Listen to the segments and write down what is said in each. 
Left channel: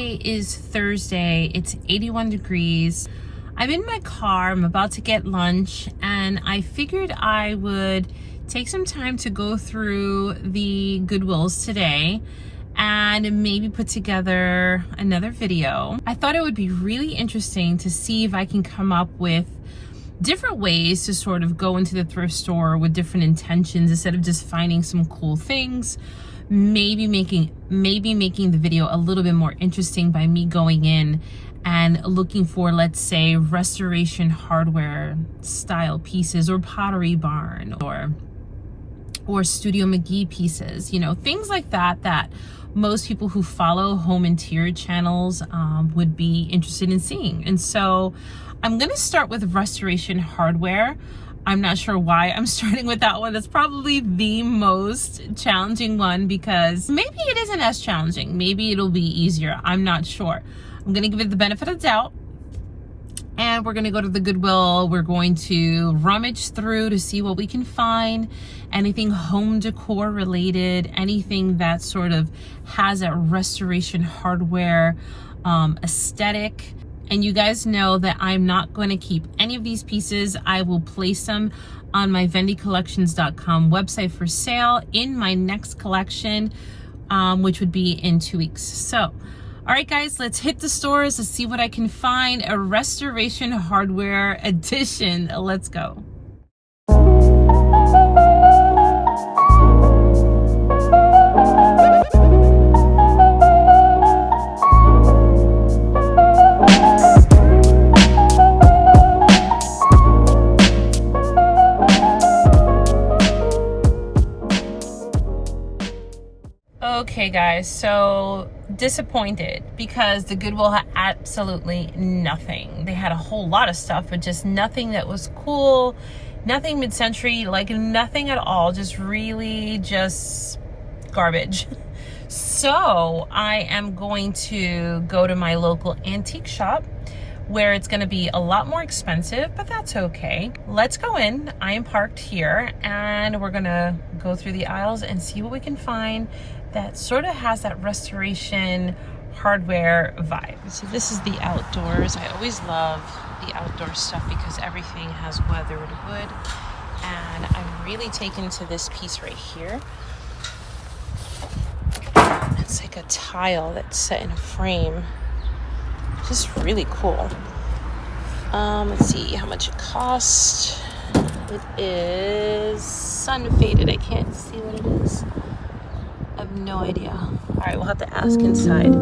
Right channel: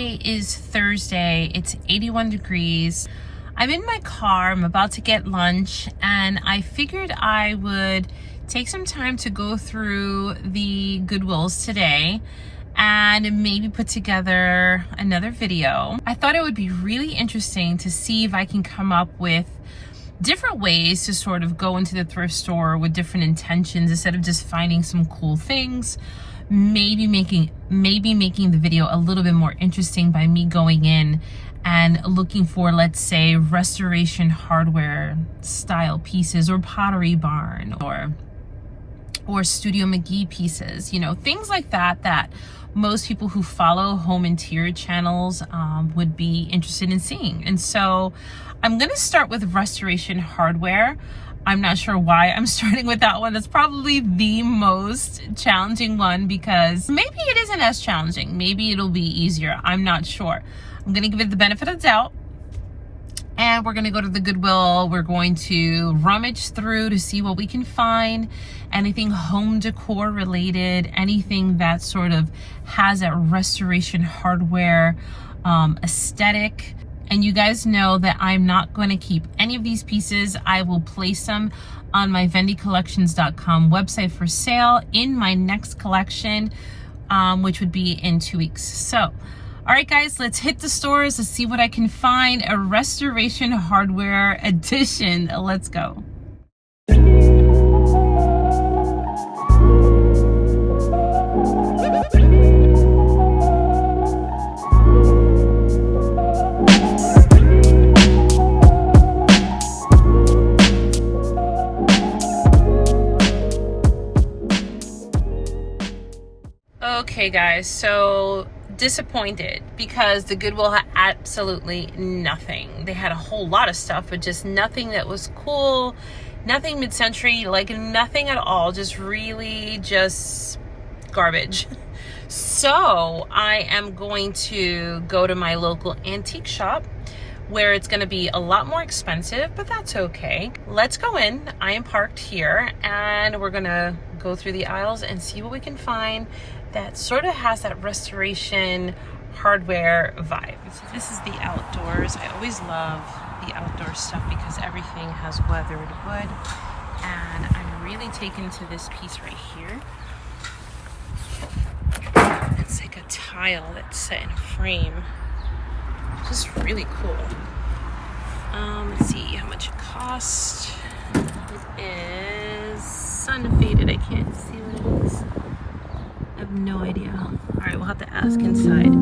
Today is Thursday. It's 81 degrees. I'm in my car. I'm about to get lunch, and I figured I would take some time to go through the Goodwills today and maybe put together another video. I thought it would be really interesting to see if I can come up with different ways to sort of go into the thrift store with different intentions instead of just finding some cool things. Maybe making the video a little bit more interesting by me going in and looking for, let's say, restoration hardware style pieces, or Pottery Barn, or Studio McGee pieces, you know, things like that that most people who follow home interior channels would be interested in seeing. And so I'm going to start with restoration hardware. I'm not sure why I'm starting with that one. That's probably the most challenging one, because maybe it isn't as challenging. Maybe it'll be easier. I'm not sure. I'm going to give it the benefit of the doubt. And we're going to go to the Goodwill. We're going to rummage through to see what we can find. Anything home decor related, anything that sort of has a restoration hardware aesthetic. And you guys know that I'm not going to keep any of these pieces. I will place them on my vendycollections.com website for sale in my next collection, which would be in 2 weeks. So, all right, guys, let's hit the stores. Let's see what I can find. A restoration hardware edition. Let's go. Okay guys, so disappointed because the Goodwill had absolutely nothing. They had a whole lot of stuff, but just nothing that was cool, nothing mid-century, like nothing at all, just really just garbage. So I am going to go to my local antique shop where it's going to be a lot more expensive, but that's okay. Let's go in. I am parked here and we're going to go through the aisles and see what we can find that sort of has that restoration hardware vibe. So this is the outdoors. I always love the outdoor stuff because everything has weathered wood, and I'm really taken to this piece right here. It's like a tile that's set in a frame. Just really cool. Let's see how much it cost. It is sun faded. I can't see what it is. I have no idea. All right, we'll have to ask inside.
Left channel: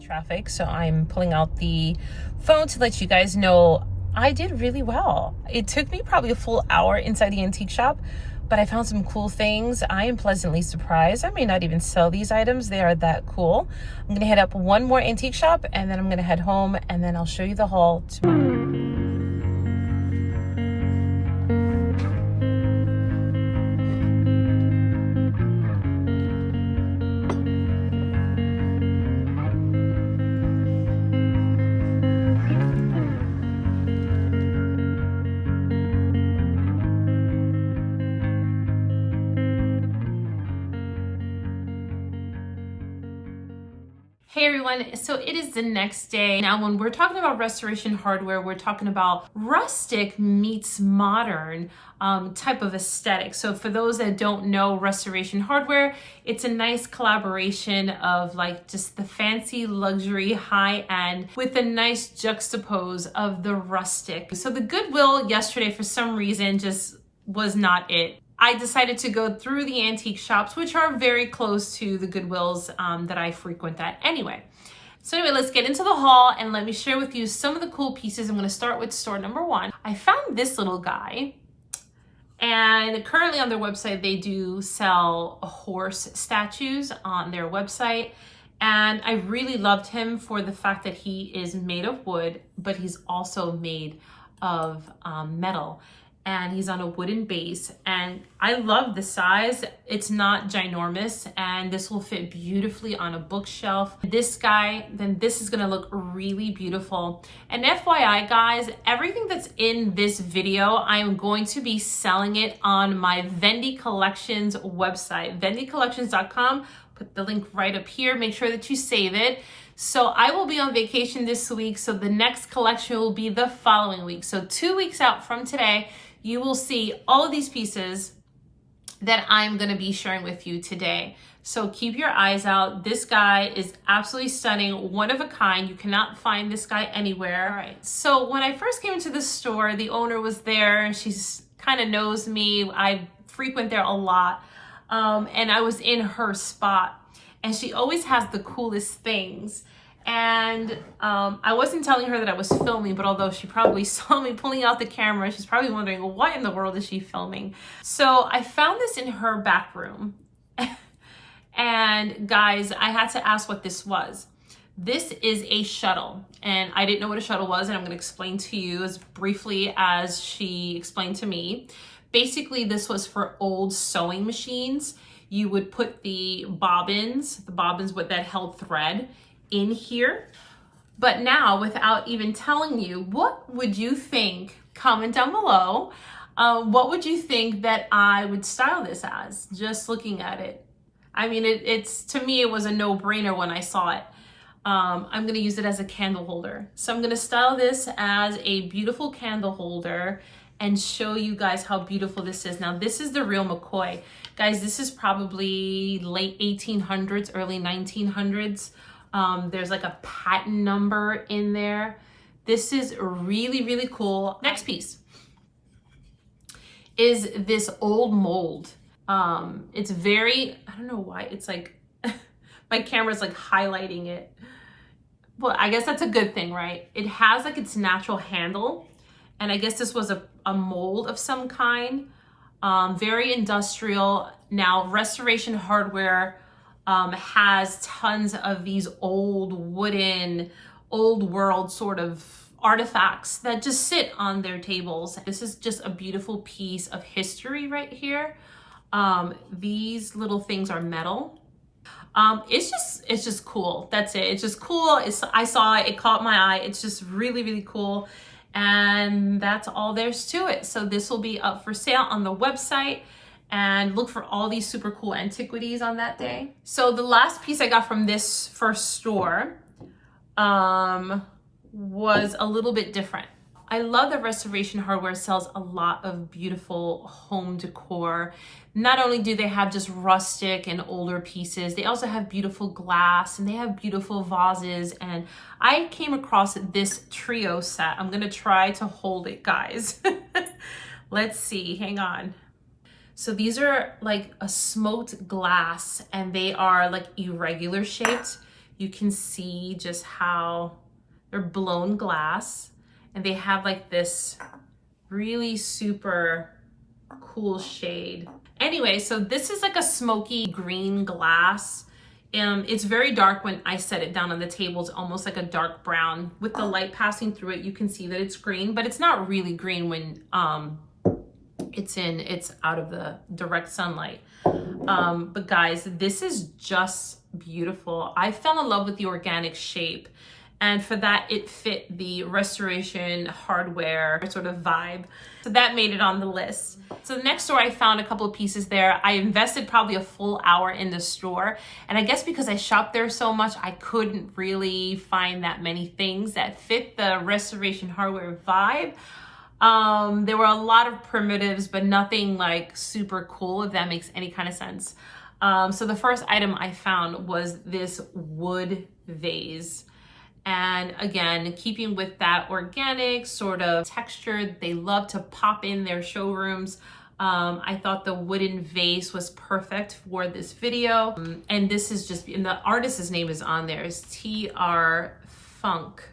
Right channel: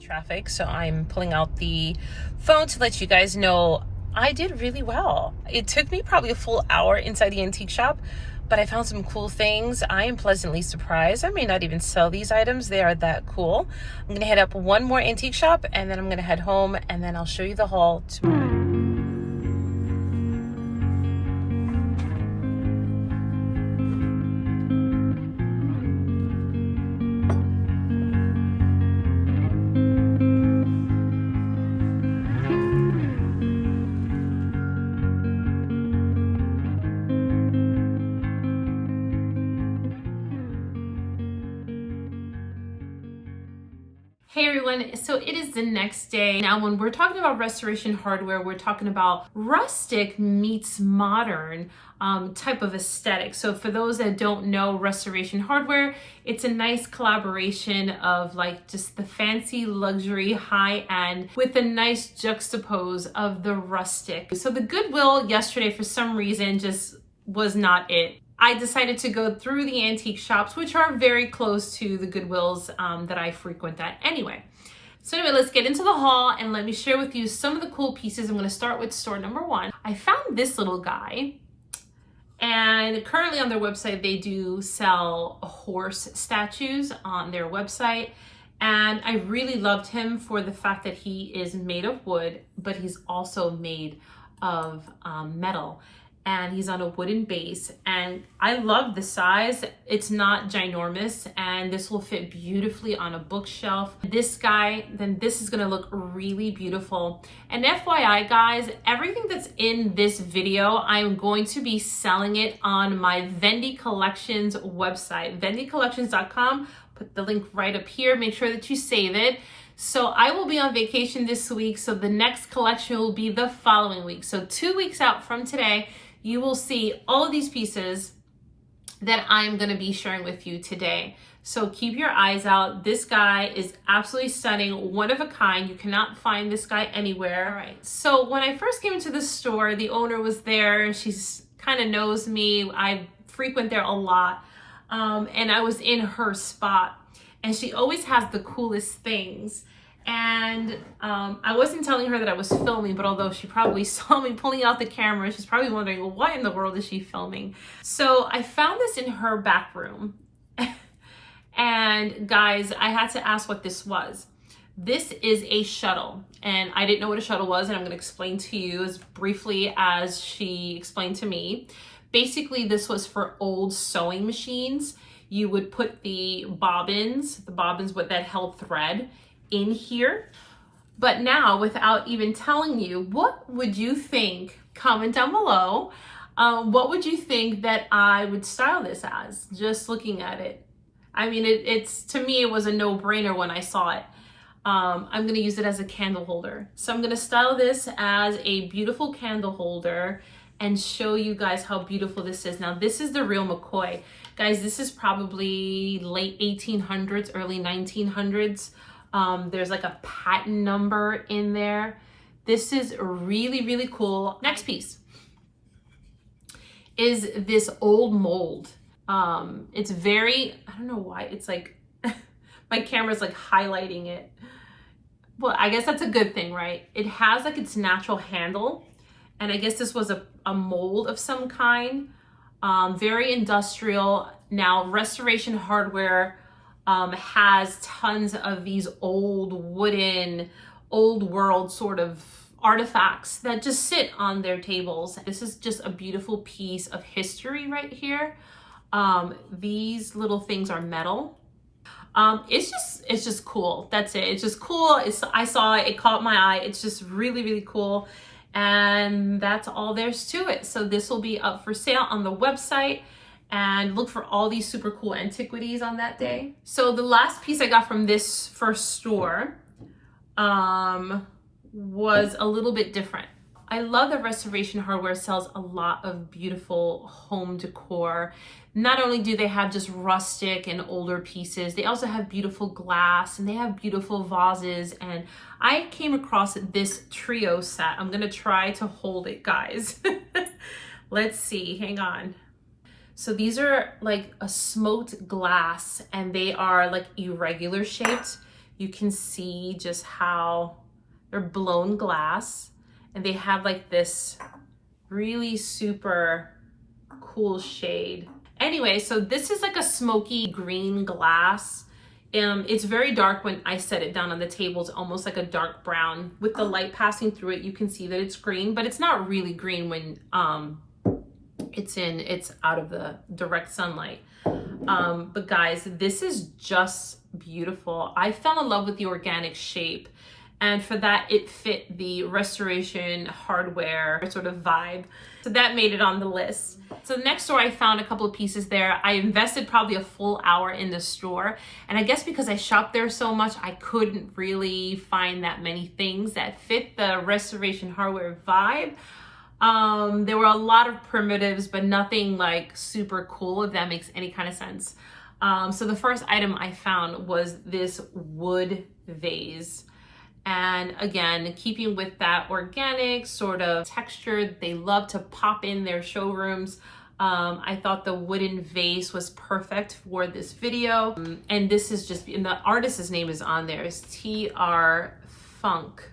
Traffic, so I'm pulling out the phone to let you guys know I did really well. It took me probably a full hour inside the antique shop, but I found some cool things. I am pleasantly surprised. I may not even sell these items. They are that cool. I'm gonna head up one more antique shop and then I'm gonna head home, and then I'll show you the haul tomorrow. Hey everyone, so it is the next day. Now when we're talking about restoration hardware, we're talking about rustic meets modern type of aesthetic. So for those that don't know restoration hardware, it's a nice collaboration of like just the fancy luxury high end with a nice juxtapose of the rustic. So the Goodwill yesterday for some reason just was not it. I decided to go through the antique shops, which are very close to the Goodwills that I frequent at anyway. So anyway, let's get into the haul and let me share with you some of the cool pieces. I'm gonna start with store number one. I found this little guy, and currently on their website, they do sell horse statues on their website. And I really loved him for the fact that he is made of wood, but he's also made of metal. And he's on a wooden base, and I love the size. It's not ginormous, and this will fit beautifully on a bookshelf. This guy, then this is gonna look really beautiful. And FYI guys, everything that's in this video, I'm going to be selling it on my Vendy Collections website, vendycollections.com. Put the link right up here, make sure that you save it. So I will be on vacation this week, so the next collection will be the following week. So 2 weeks out from today, you will see all of these pieces that I'm gonna be sharing with you today. So keep your eyes out. This guy is absolutely stunning, one of a kind. You cannot find this guy anywhere. All right, so when I first came into the store, the owner was there. She's kind of knows me. I frequent there a lot. And I was in her spot, and she always has the coolest things. And I wasn't telling her that I was filming, but although she probably saw me pulling out the camera, she's probably wondering, well, what in the world is she filming? So I found this in her back room. And guys, I had to ask what this was. This is a shuttle, and I didn't know what a shuttle was, and I'm gonna explain to you as briefly as she explained to me. Basically, this was for old sewing machines. You would put the bobbins with that held thread in here. But now, without even telling you, what would you think? Comment down below. What would you think that I would style this as? Just looking at it. I mean, it's to me, it was a no-brainer when I saw it. I'm gonna use it as a candle holder. So I'm gonna style this as a beautiful candle holder and show you guys how beautiful this is. Now, this is the real McCoy. Guys, this is probably late 1800s, early 1900s. There's like a patent number in there. This is really, really cool. Next piece is this old mold. It's very, I don't know why, it's like, my camera's like highlighting it. Well, I guess that's a good thing, right? It has like its natural handle. And I guess this was a mold of some kind. Very industrial. Now, restoration hardware has tons of these old wooden, old world sort of artifacts that just sit on their tables. This is just a beautiful piece of history right here. These little things are metal. It's just cool. That's it. It's just cool. I saw it, it caught my eye. It's just really, really cool. And that's all there's to it. So this will be up for sale on the website, and look for all these super cool antiquities on that day. So the last piece I got from this first store was a little bit different. I love that Restoration Hardware sells a lot of beautiful home decor. Not only do they have just rustic and older pieces, they also have beautiful glass, and they have beautiful vases. And I came across this trio set. I'm gonna try to hold it, guys. Let's see, hang on. So these are like a smoked glass, and they are like irregular shaped. You can see just how they're blown glass, and they have like this really super cool shade. Anyway, so this is like a smoky green glass. It's very dark when I set it down on the table. It's almost like a dark brown. With the light passing through it, you can see that it's green, but it's not really green when it's out of the direct sunlight. But guys, this is just beautiful. I fell in love with the organic shape, And for that, it fit the restoration hardware sort of vibe. So that made it on the list. So the next store, I found a couple of pieces there. I invested probably a full hour in the store. And I guess because I shopped there so much, I couldn't really find that many things that fit the restoration hardware vibe. There were a lot of primitives, but nothing like super cool, if that makes any kind of sense. So the first item I found was this wood vase. And again, keeping with that organic sort of texture they love to pop in their showrooms, I thought the wooden vase was perfect for this video. And this is just, and the artist's name is on there, is TR Funk.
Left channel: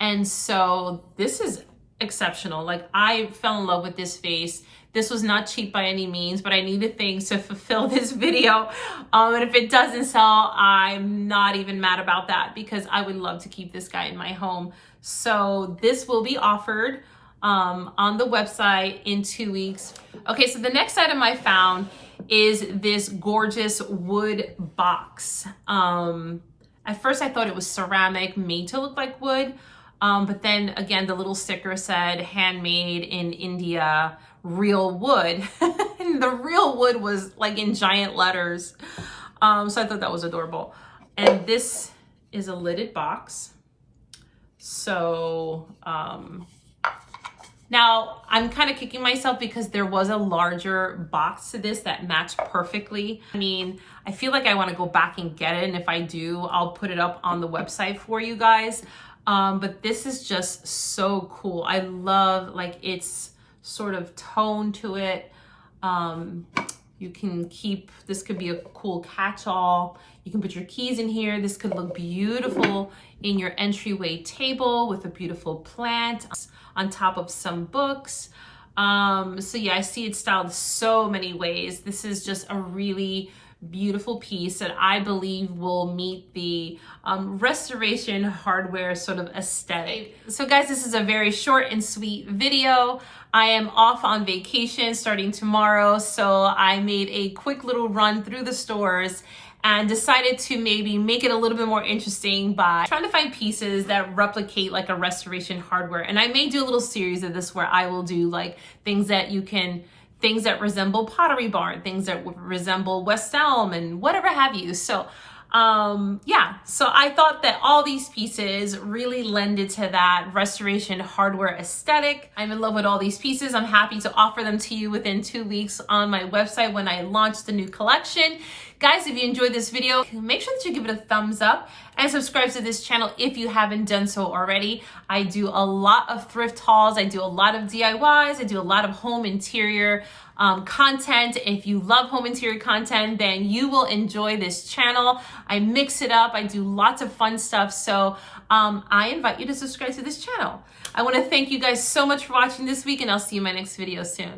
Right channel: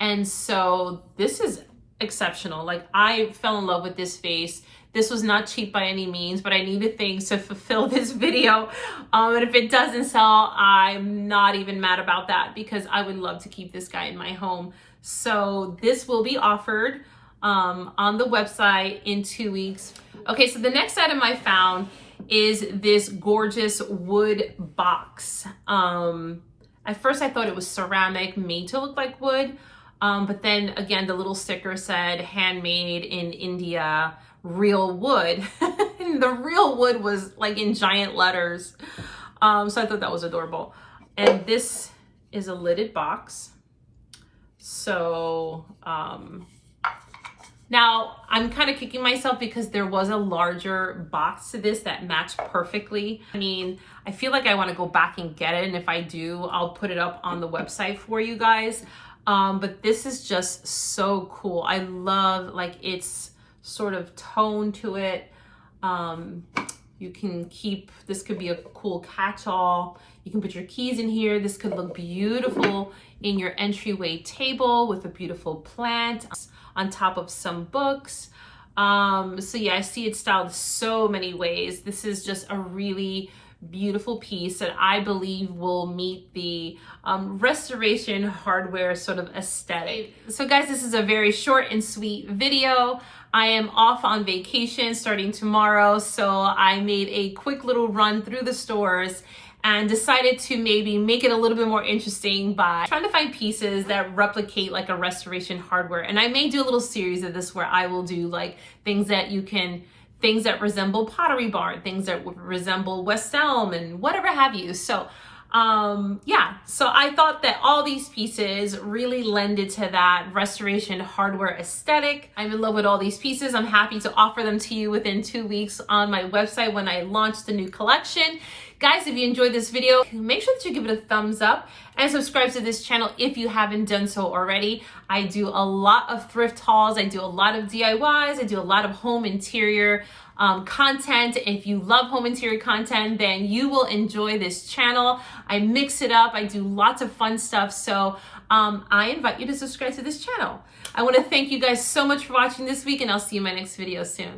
And so this is exceptional. Like, I fell in love with this vase. This was not cheap by any means, but I needed things to fulfill this video. And if it doesn't sell, I'm not even mad about that, because I would love to keep this guy in my home. So this will be offered on the website in 2 weeks. Okay, so the next item I found is this gorgeous wood box. At first I thought it was ceramic made to look like wood. But then again, the little sticker said handmade in India, real wood. And the real wood was like in giant letters. So I thought that was adorable. And this is a lidded box. So now I'm kind of kicking myself because there was a larger box to this that matched perfectly. I mean, I feel like I want to go back and get it. And if I do, I'll put it up on the website for you guys. But this is just so cool. I love like its sort of tone to it. You can keep, this could be a cool catch-all. You can put your keys in here. This could look beautiful in your entryway table with a beautiful plant on top of some books. So yeah, I see it styled so many ways. This is just a really beautiful piece that I believe will meet the restoration hardware sort of aesthetic. So guys, this is a very short and sweet video. I am off on vacation starting tomorrow, so I made a quick little run through the stores and decided to maybe make it a little bit more interesting by trying to find pieces that replicate like a restoration hardware. And I may do a little series of this where I will do like things that resemble Pottery Barn, things that resemble West Elm and whatever have you. So yeah, so I thought that all these pieces really lended to that restoration hardware aesthetic. I'm in love with all these pieces. I'm happy to offer them to you within 2 weeks on my website when I launch the new collection. Guys, if you enjoyed this video, make sure that you give it a thumbs up and subscribe to this channel if you haven't done so already. I do a lot of thrift hauls. I do a lot of DIYs. I do a lot of home interior content. If you love home interior content, then you will enjoy this channel. I mix it up. I do lots of fun stuff. So I invite you to subscribe to this channel. I want to thank you guys so much for watching this week, and I'll see you in my next video soon.